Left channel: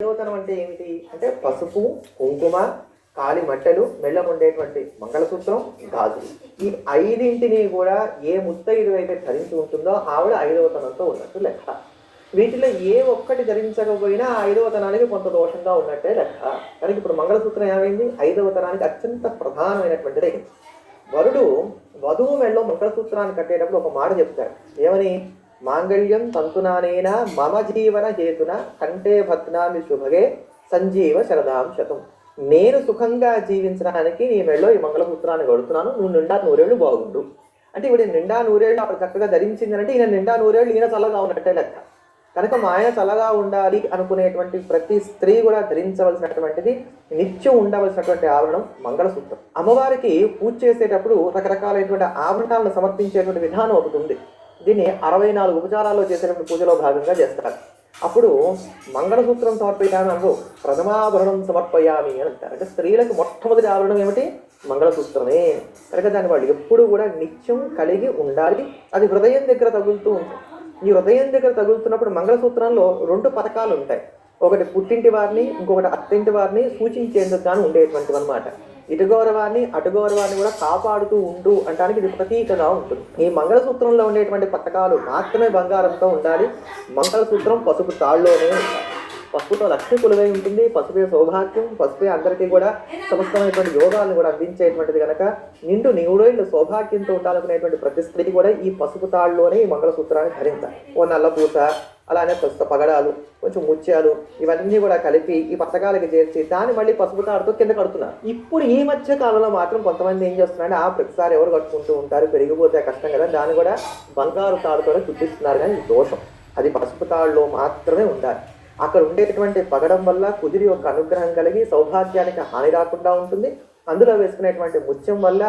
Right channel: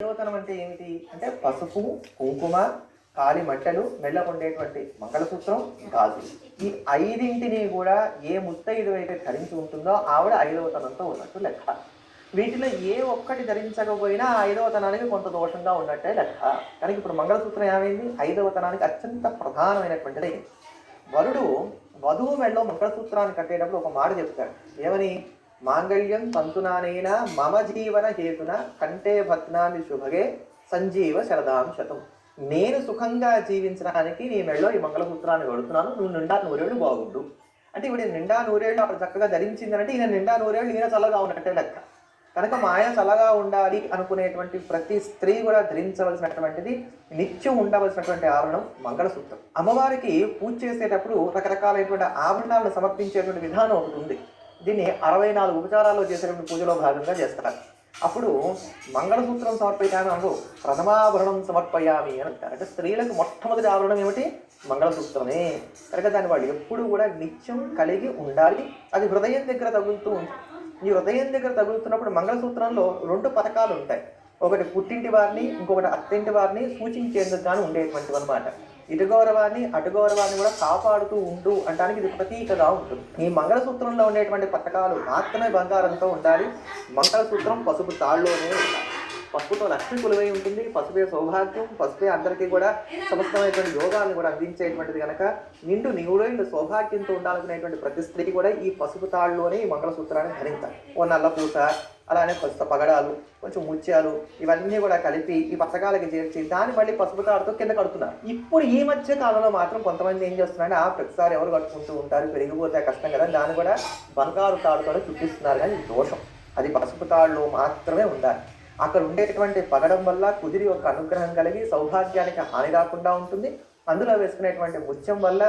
ఐదవతనం అంటే ఏమిటి అంటే పసుపు, కుంకుమ, కాలి మంటలు, మెళ్ళ ఉండేటువంటి మంగళసూత్రం, గాజులు. ఈ ఐదింటిని కూడా ఏ ముత్తైదు అయితే ధరించి ఉంటుందో ఆవిడ ఐదవతనంతో ఉన్నట్టు లెక్క. వీటిలో ఏ ఒక్కటి ధరించకపోయినా ఐదవతనానికి కొంత దోషంగా ఉన్నట్టే లెక్క. కానీ ఇప్పుడు మంగళసూత్రం ఏమైంది? ఐదవతనానికి అత్యంత ప్రధానమైనటువంటిది. వరుడు వధువు మెళ్ళలో మంగళసూత్రాన్ని కట్టేటప్పుడు ఒక మాట చెప్తాడు. ఏమని? మాంగళ్యం తంతునానేన మమ జీవన హేతున కంటే భద్నామి శుభగే సంజీవ శరదాం శతం. నేను సుఖంగా జీవించడానికి నీ మెళ్ళలో ఈ మంగళసూత్రాన్ని కడుతున్నాను, నువ్వు నిండా నూరేళ్ళు బాగుండు. అంటే ఇప్పుడు నిండా నూరేళ్ళు ఆవిడ చక్కగా ధరించిందంటే ఈయన నిండా నూరేళ్ళు ఈయన చల్లగా ఉన్నట్టే లెక్క. కనుక మా ఆయన చల్లగా ఉండాలి అనుకునేటువంటి ప్రతి స్త్రీ కూడా ధరించవలసినటువంటిది, నిత్యం ఉండవలసినటువంటి ఆభరణం మంగళసూత్రం. అమ్మవారికి పూజ చేసేటప్పుడు రకరకాలైనటువంటి ఆభరణాలను సమర్పించేటువంటి విధానం ఒకటి ఉంది. దీన్ని 64 ఉపచారాల్లో చేసేటువంటి పూజలో భాగంగా చేస్తారు. అప్పుడు మంగళసూత్రం సమర్పయామి అంటూ ప్రథమాభరణం సమర్పయామి అని అంటారు. అంటే స్త్రీలకు మొట్టమొదటి ఆభరణం ఏమిటి? మంగళసూత్రమే. కనుక దాన్ని వాళ్ళు ఎప్పుడు కూడా నిత్యం కలిగి ఉండాలి. అది హృదయం దగ్గర తగులుతూ ఉంటుంది. ఈ హృదయం దగ్గర తగులుతున్నప్పుడు మంగళసూత్రంలో 2 పథకాలు ఉంటాయి. ఒకటి పుట్టింటి వారిని, ఇంకొకటి అత్తింటి వారిని సూచించేందుకు కానీ ఉండేటువంటివి అనమాట. ఇటు గౌరవాన్ని అటు గౌరవాన్ని కూడా కాపాడుతూ ఉంటూ అంటానికి ఇది ప్రతీకగా ఉంటుంది. ఈ మంగళసూత్రంలో ఉండేటువంటి పథకాలు మాత్రమే బంగారంతో ఉండాలి. మంగళసూత్రం పసుపు తాళ్ళలోనే ఉండాలి. పసుపుతో లక్ష్మి కొలువై ఉంటుంది. పసుపే సౌభాగ్యం, పసుపే అందరికీ కూడా సమస్తమైనటువంటి యోగాలను కూడా అందించేటువంటిది కనుక నిండు నివుడైన సౌభాగ్యంతో ఉండాలనుకునేటువంటి ప్రతి స్త్రీ కూడా ఈ పసుపు తాళ్ళలోనే ఈ మంగళసూత్రాన్ని ధరించాలి. ఓ నల్లపూస, అలానే పసుపు పగడాలు, కొంచెం ముత్యాలు ఇవన్నీ కూడా కలిపి ఈ పథకాలకి చేర్చి దాన్ని మళ్ళీ పసుపు తాడుతో కింద కడుతున్నారు. ఇప్పుడు ఈ మధ్య కాలంలో మాత్రం కొంతమంది ఏం చేస్తున్నారంటే ప్రతిసారి ఎవరు కట్టుకుంటూ ఉంటారు, పెరిగిపోతే కష్టం కదా, దాన్ని కూడా బంగారు తాడుతోనే చుట్టిస్తున్నారు. కానీ దోషం. అది పసుపు తాడులో మాత్రమే ఉండాలి. అక్కడ ఉండేటువంటి పగడం వల్ల కుదిరి యొక్క అనుగ్రహం కలిగి సౌభాగ్యానికి హాని రాకుండా ఉంటుంది. అందులో వేసుకునేటువంటి ముత్యం వల్ల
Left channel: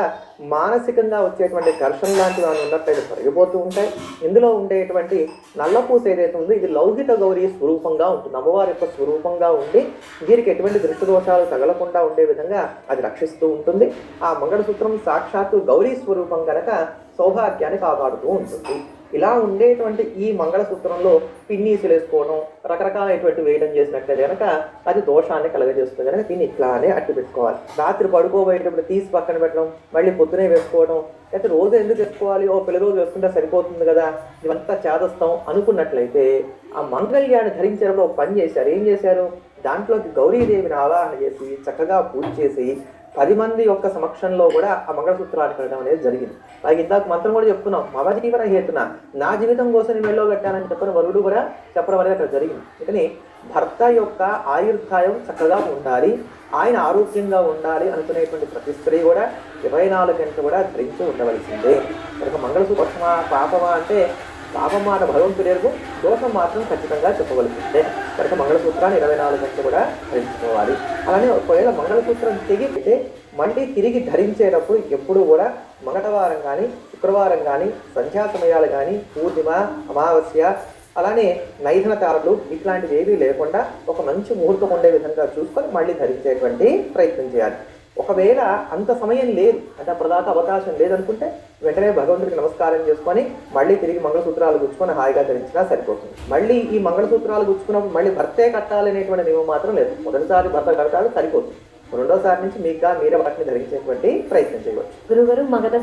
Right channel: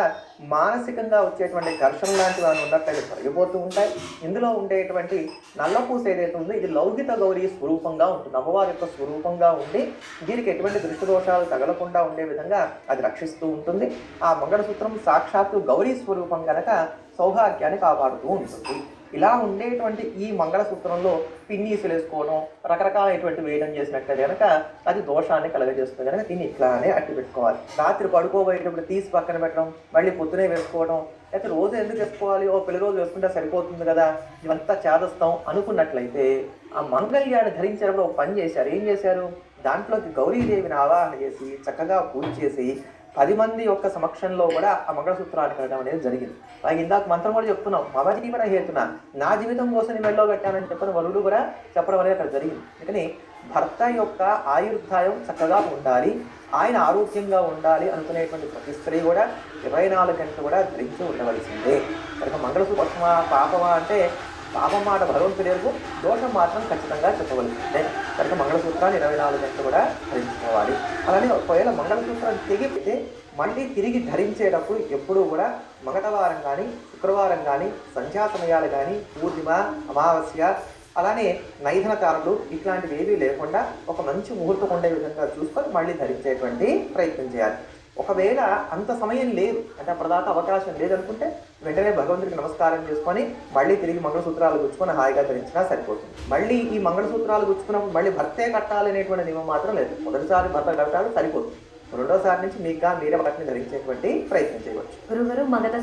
మానసికంగా వచ్చేటువంటి ఘర్షణ లాంటివి ఏమైనా ఉన్నట్లయితే తొలగిపోతూ ఉంటాయి. ఇందులో ఉండేటువంటి నల్లపూస ఏదైతే ఉందో ఇది లౌకిక గౌరీ స్వరూపంగా ఉంటుంది. అమ్మవారి యొక్క స్వరూపంగా ఉండి వీరికి ఎటువంటి దృష్టి దోషాలు తగలకుండా ఉండే విధంగా అది రక్షిస్తూ ఉంటుంది. ఆ మంగళసూత్రం సాక్షాత్తు గౌరీ స్వరూపం కనుక సౌభాగ్యాన్ని కాపాడుతూ ఉంటుంది. ఇలా ఉండేటువంటి ఈ మంగళసూత్రంలో పిన్నీసులు వేసుకోవడం, రకరకాలైనటువంటి వేయడం చేసినట్లయితే కనుక అది దోషాన్ని కలగజేస్తుంది. కనుక దీన్ని ఇట్లానే అట్టి పెట్టుకోవాలి. రాత్రి పడుకోబోయేటప్పుడు తీసి పక్కన పెట్టడం, మళ్ళీ పొద్దునే వేసుకోవడం, లేకపోతే రోజు ఎందుకు వేసుకోవాలి, ఓ పెళ్లి రోజు వేసుకుంటే సరిపోతుంది కదా, ఇవంతా చేదస్తాం అనుకున్నట్లయితే ఆ మంగళ్యాన్ని ధరించడంలో ఒక పని చేశారు. ఏం చేశారు? దాంట్లోకి గౌరీదేవిని ఆవాహన చేసి చక్కగా పూజ చేసి 10 మంది యొక్క సమక్షంలో కూడా ఆ మంగళసూత్రాన్ని కట్టడం అనేది జరిగింది. అలాగే ఇందాక మంత్రం కూడా చెప్తున్నాం, మమ జీవన హేతున, నా జీవితం కోసం నేను మెళ్ళో కట్టానని చెప్పిన వరుడు కూడా చెప్పడం అనేది అక్కడ జరిగింది. అందుకని భర్త యొక్క ఆయుర్దాయం చక్కగా ఉండాలి, ఆయన ఆరోగ్యంగా ఉండాలి అనుకునేటువంటి ప్రతి స్త్రీ కూడా 24 గంటలు కూడా ధరించి ఉండవలసిందే. కనుక మంగళసూత్రమా పాపమా అంటే పాపమాట భగవంతుడు ఎరుగు, దోషం మాత్రం ఖచ్చితంగా చెప్పవలసిందే. కనుక మంగళసూత్రాన్ని 24 గంటలు కూడా ధరించుకోవాలి. అలానే ఒకవేళ మంగళసూత్రం తెగిపోతే మళ్ళీ తిరిగి ధరించేటప్పుడు ఎప్పుడూ కూడా మంగళవారం కానీ, శుక్రవారం కానీ, సంధ్యా సమయాలు కానీ, పూర్ణిమ, అమావాస్య, అలానే నైధన తారలు ఇట్లాంటివి ఏవీ లేకుండా ఒక మంచి ముహూర్తం ఉండే విధంగా చూసుకొని మళ్ళీ ధరించేటువంటి ప్రయత్నం చేయాలి. ఒకవేళ అంత సమయం లేదు అంటే అప్పటిదాకా అవకాశం లేదనుకుంటే వెంటనే భగవంతుడికి నమస్కారం చేసుకొని మళ్ళీ తిరిగి మంగళసూత్రాలు గుచ్చుకొని హాయిగా ధరించినా సరిపోతుంది. మళ్ళీ ఈ మంగళసూత్రాలు గుచ్చుకున్నప్పుడు మళ్ళీ భర్తే కట్టాలి అనేటువంటి నియమం మాత్రం లేదు. మొదటిసారి భర్త కడతాడు, సరిపోతుంది. రెండోసారి నుంచి మీరే వాటిని ధరించేటువంటి ప్రయత్నం చేయవచ్చు. గురుగారు మగధ